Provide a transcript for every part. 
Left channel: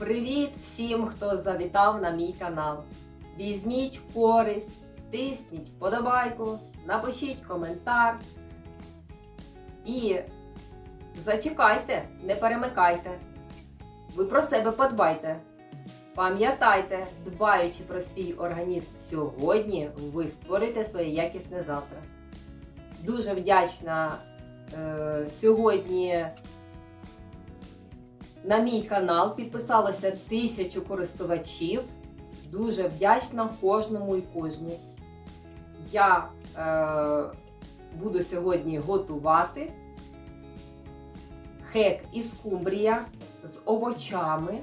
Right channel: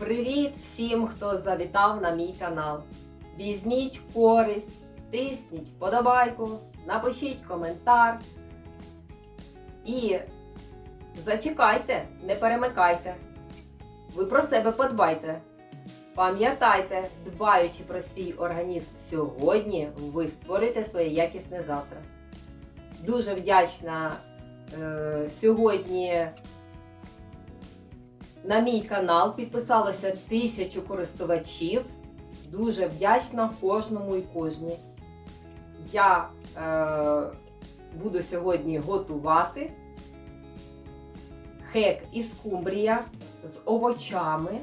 Привіт всім, хто завітав на мій канал. Візьміть користь, тисніть вподобайку, напишіть коментар. І зачекайте, не перемикайте. Ви про себе подбайте. Пам'ятайте, дбаючи про свій організм сьогодні, ви створите своє якісне завтра. Дуже вдячна е, сьогодні на мій канал підписалося тисячу користувачів. Дуже вдячна кожному і кожній. Я е, буду сьогодні готувати хек із кумбрія з овочами.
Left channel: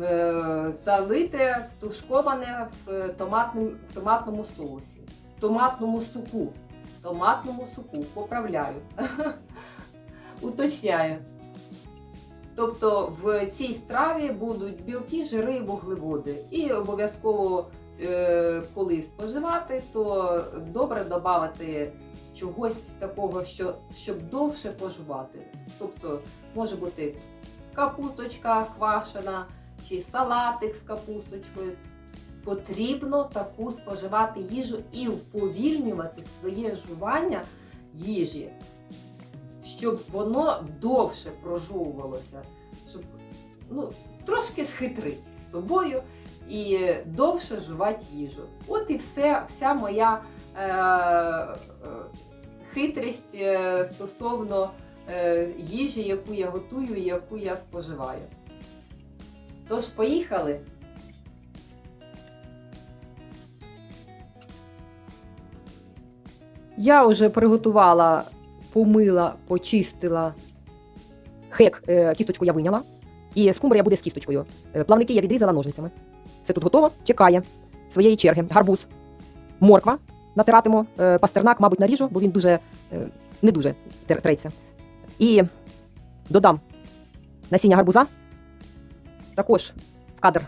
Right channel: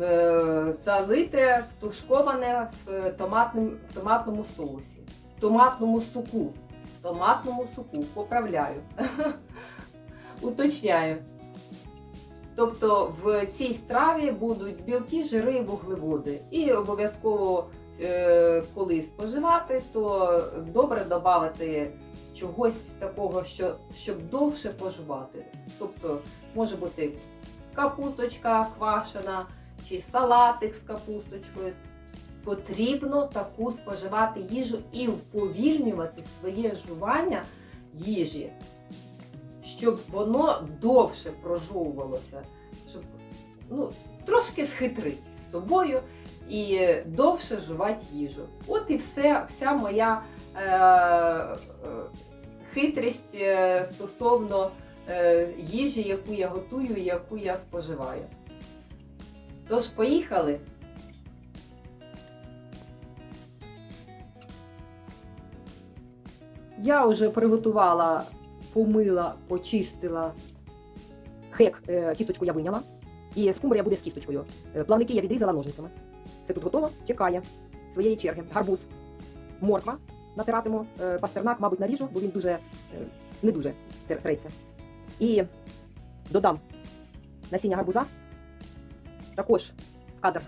Е, залите тушковане в, томатним, в томатному соусі, в томатному суку. В томатному суку поправляю. Уточняю. Тобто в цій страві будуть білки, жири, вуглеводи. І обов'язково, е, коли споживати, то добре додати чогось такого, що, щоб довше поживати. Тобто може бути капусточка квашена чи салатик з капусточкою. Потрібно таку споживати їжу і вповільнювати своє жування їжі щоб воно довше прожовувалося, щоб ну, трошки схитрити з собою і довше жувати їжу. От і все, вся моя е, е, хитрість е, стосовно е, їжі, яку я готую і яку я споживаю. Тож, поїхали. Я вже приготувала помила, почистила хек, е, кісточку я виняла. І скумбрія буде з кісточкою. Е, Плавники я відрізала ножницями. Все тут готово, чекає своєї черги. Гарбуз, морква натиратиму, е, пастернак, мабуть, наріжу, бо він дуже не дуже треться. І додам насіння гарбуза. Також в кадр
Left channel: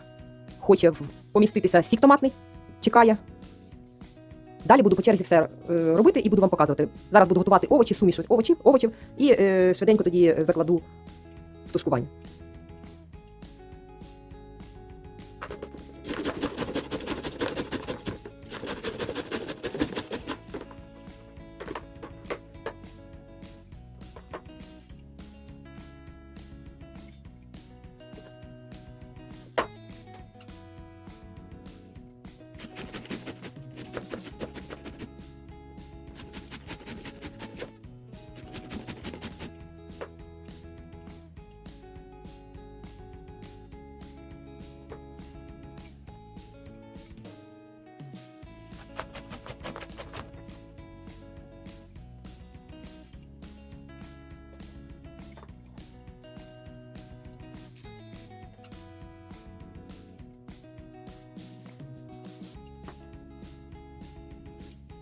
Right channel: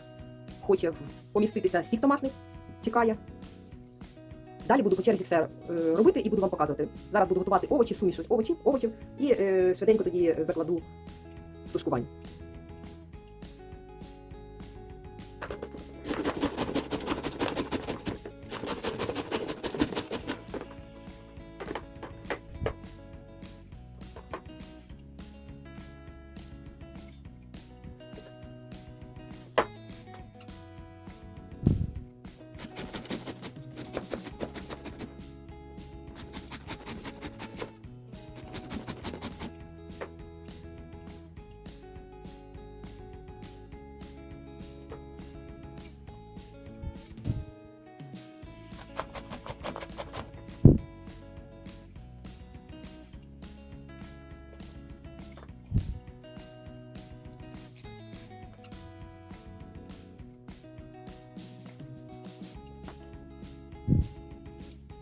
хоче поміститися сік томатний, чекає. Далі буду по черзі все е, робити і буду вам показувати. Зараз буду готувати овочі, суміш овочів, овочів і е, швиденько тоді закладу тушкування.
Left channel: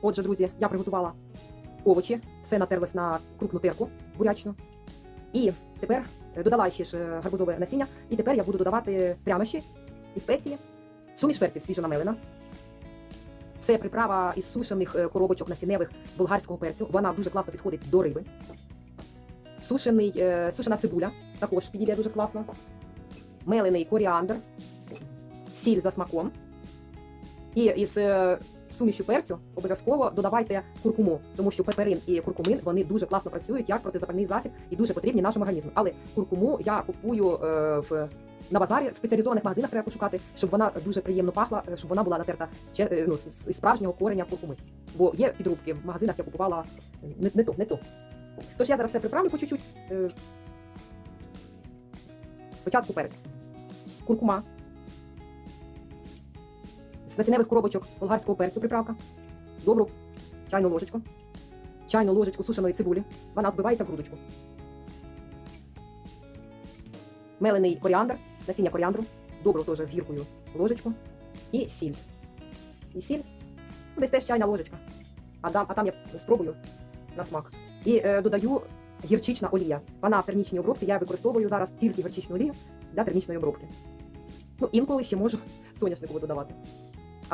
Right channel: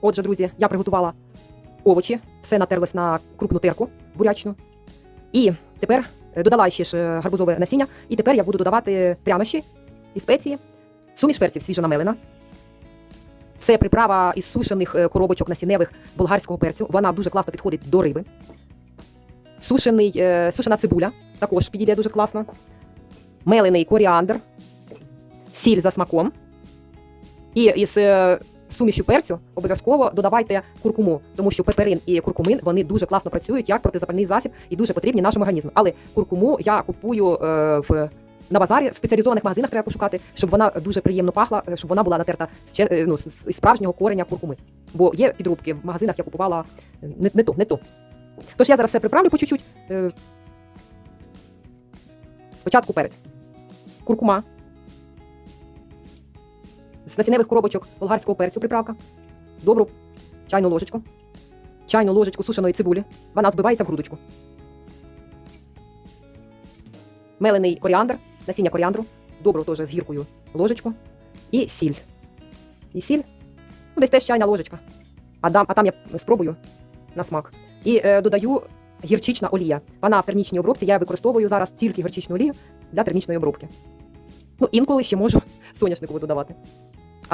Отже, друзі, я приготувала овочі, все натерлось на крупну терку бурячну. І тепер е, додала ще ж е, гарбузове насіння, і тепер я буду додавати прянощі і спеції, суміш перців свіжонамелена. Це приправа із сушених е, коробочок насінневих болгарського перцю. Вона дуже класно підходить до риби. Сушений, сушена цибуля також підійде дуже класно. Мелений коріандр, сіль за смаком. І із сумішю перцю обов'язково додавайте куркуму, тому що пеперин і куркумин вони дуже класно працюють як протизапальний засіб і дуже потрібні нашому організму. Але куркуму я купую е, в. На базарі в спеціалізованих магазинах треба пошукати, щоб вона дуже приємно пахла, е, щоб вона була натерта з, е, ну, з- справжнього кореня куркуми. Бо є підрубки в магазинах, я купувала е, не, не ту, не ту. Тож я зараз все приправлю по чуть-чуть. Спочатку перець. Куркума. З коробочок болгарського перцю приправка. Добру чайну ложечку. Чайну ложечку сушеної цибулі. Вона збивається в грудочку. Мелений коріандр, насіння коріандру. Добру теж з гіркою ложечку. І сіль. І сіль. Ну, десь теж чайна ложечка. А, дам, а там я спробую на смак. І е, додаю гірчична олія. Вона в термічній обробці. Я використовую зараз тільки гірчичну олію для термічної обробки. Ну, інколи ще можу соняшникову додавати.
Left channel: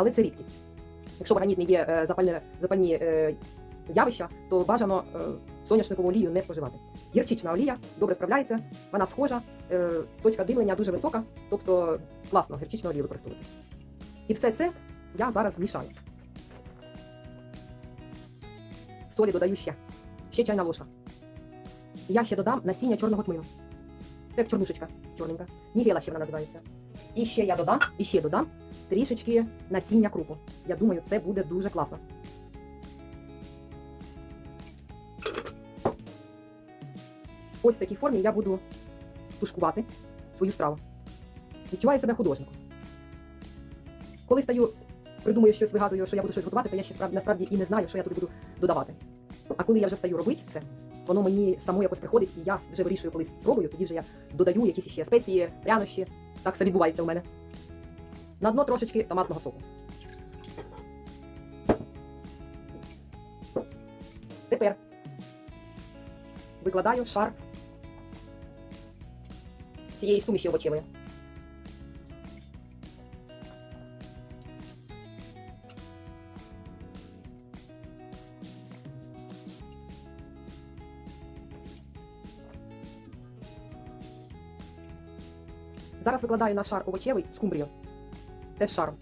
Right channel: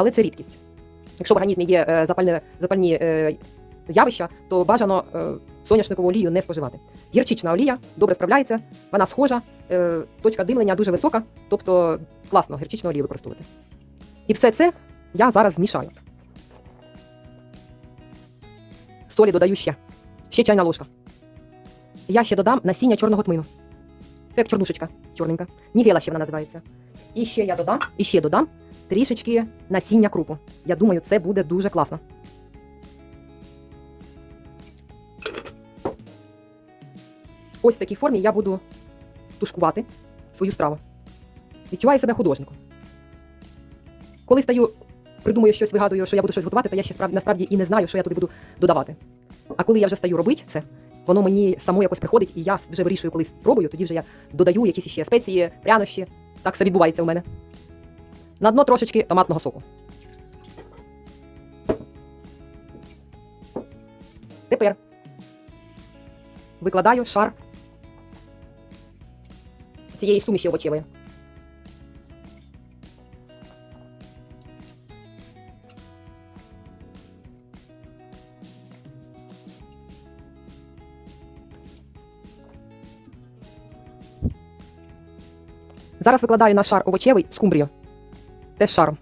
Але це рідкість. Якщо в організмі є е, запальне, запальні е, явища, то бажано е, соняшникову олію не споживати. Гірчична олія добре справляється, вона схожа, точка димлення дуже висока, тобто класно гірчичну олію використовувати. І все це я зараз змішаю. Солі додаю ще. Ще чайна ложка. Я ще додам насіння чорного тмину. Це як чорнушечка чорненька. Нігела ще вона називається. І ще я додам, і ще додам трішечки насіння крупу. Я думаю, це буде дуже класно. Ось в такій формі я буду тушкувати свою страву. Відчуваю себе художником. Коли стаю, придумую щось, вигадую, що я буду щось готувати, то я ще справді, насправді і не знаю, що я туди буду додавати. А коли я вже стаю робити це, воно мені само якось приходить, і я вже вирішую, коли спробую, тоді вже я додаю якісь ще спеції, прянощі. Так все відбувається у мене. На дно трошечки томатного соку. Тепер викладаю шар цієї суміші овочевої. Зараз викладаю на шар овочевий скумбрію. Теж шаром.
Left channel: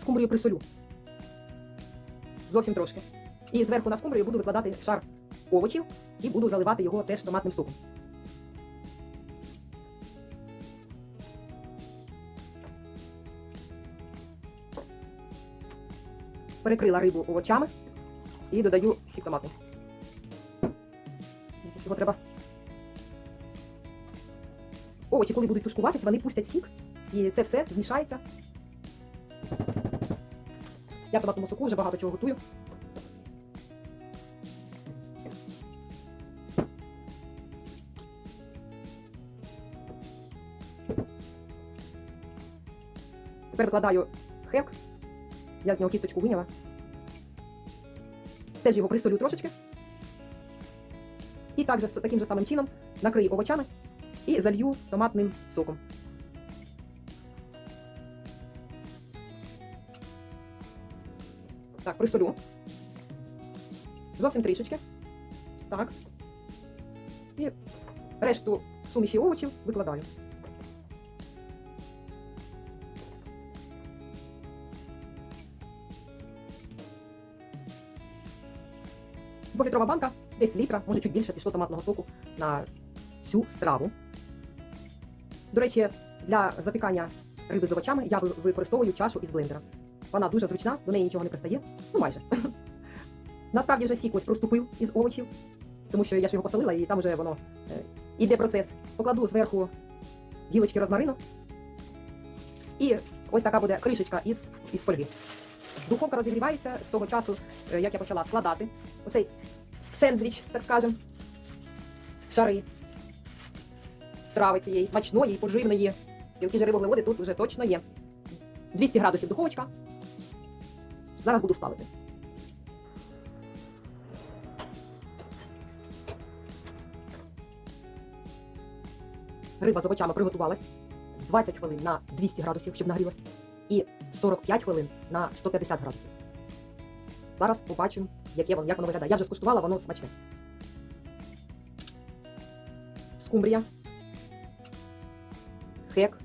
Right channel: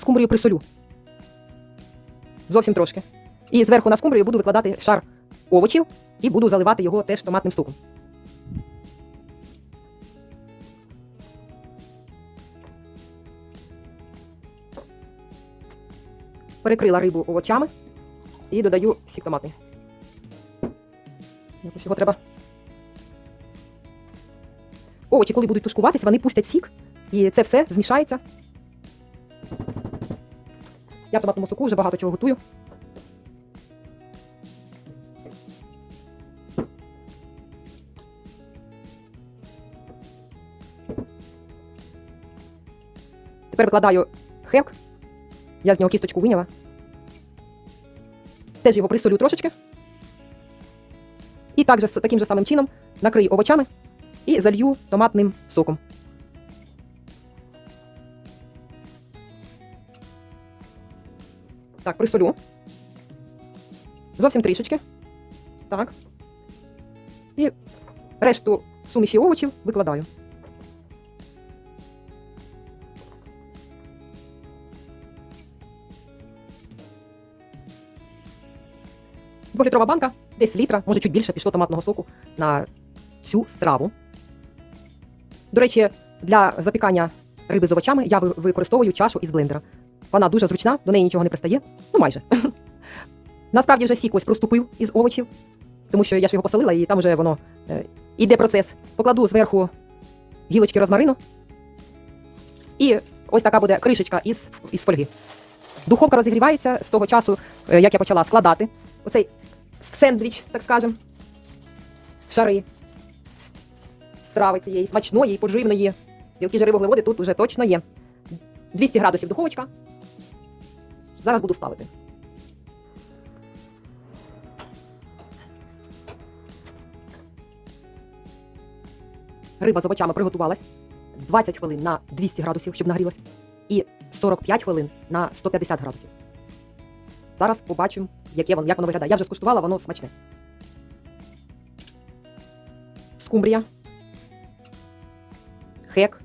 Скумбрію присолю. Зовсім трошки. І зверху на скумбрію буду викладати шар овочів і буду заливати його теж томатним соком. Перекрила рибу овочами і додаю сік томатний. Якось Його треба. Овочі, коли будуть тушкуватися, вони пустять сік, і це все змішається. Я в томатному соку вже багато чого готую. Тепер викладаю хек. Я з нього кісточку виняла. Теж його присолю трошечки. І також таким же самим чином накрию овочами і залью томатним соком. Так, присолю. Зовсім трішечки. Так. І решту суміші овочів викладаю. Двохлітрова банка, десь літра, може чуть більше пішло томатного соку на цю страву. До речі, для запікання риби з овочами я використовую чашу із блендера. Вона дуже зручна, до неї нічого не пристає. Ну майже. Насправді вже сік ось проступив із овочів, тому що я ж його посолила, і там вже воно е, іде процес. Покладу зверху гілочки розмарину. І ось така буде кришечка із, із фольги. Духовка розігрівається з того часу, е, як я почала складати оцей сендвіч, так скажем, шари страви цієї смачної, поживної. Білки жири вуглеводи тут уже точно є. 200 градусів духовочка. Зараз буду ставити. Риба з овочами приготувалась. 20 хвилин на 200 градусів, щоб нагрілась. І 45 хвилин на 150 градусів. Зараз побачимо, яке воно, як воно виглядає. Я вже скуштувала, воно смачне. Скумбрія. Хек.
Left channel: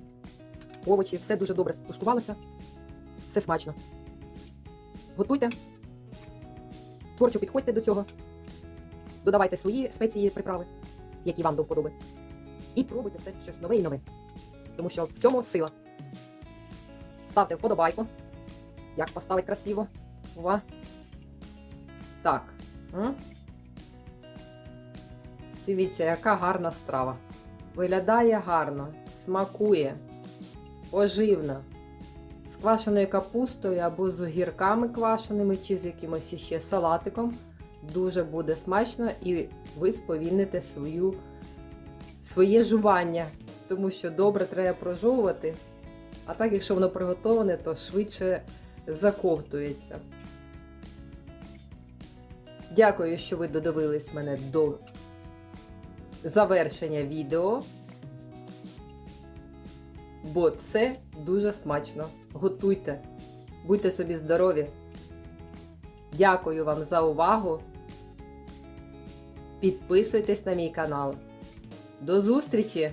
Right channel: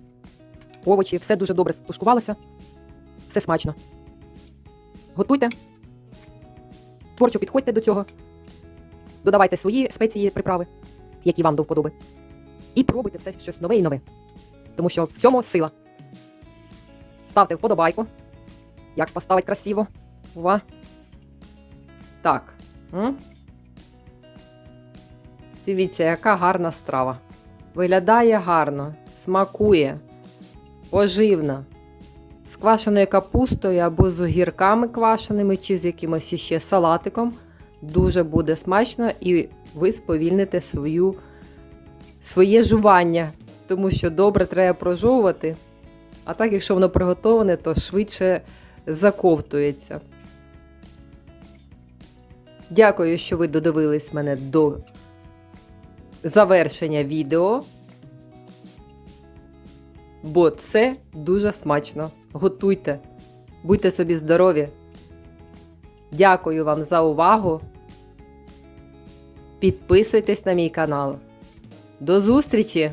Овочі. Все дуже добре стушкувалося. Все смачно. Готуйте. Творчо підходьте до цього. Додавайте свої спеції приправи, які вам до вподоби. І пробуйте все щось нове і нове. Тому що в цьому сила. Ставте вподобайку. Як поставити красиво. Ува. Так. М? Дивіться, яка гарна страва. Виглядає гарно, смакує, поживна. З квашеною капустою або з огірками квашеними, чи з якимось іще салатиком. Дуже буде смачно і ви сповільните свою, своє жування, тому що добре треба прожовувати. А так, якщо воно приготоване, то швидше заковтується. Дякую, що ви додивились мене до завершення відео. бо це дуже смачно. Готуйте, будьте собі здорові. Дякую вам за увагу. Підписуйтесь на мій канал. До зустрічі!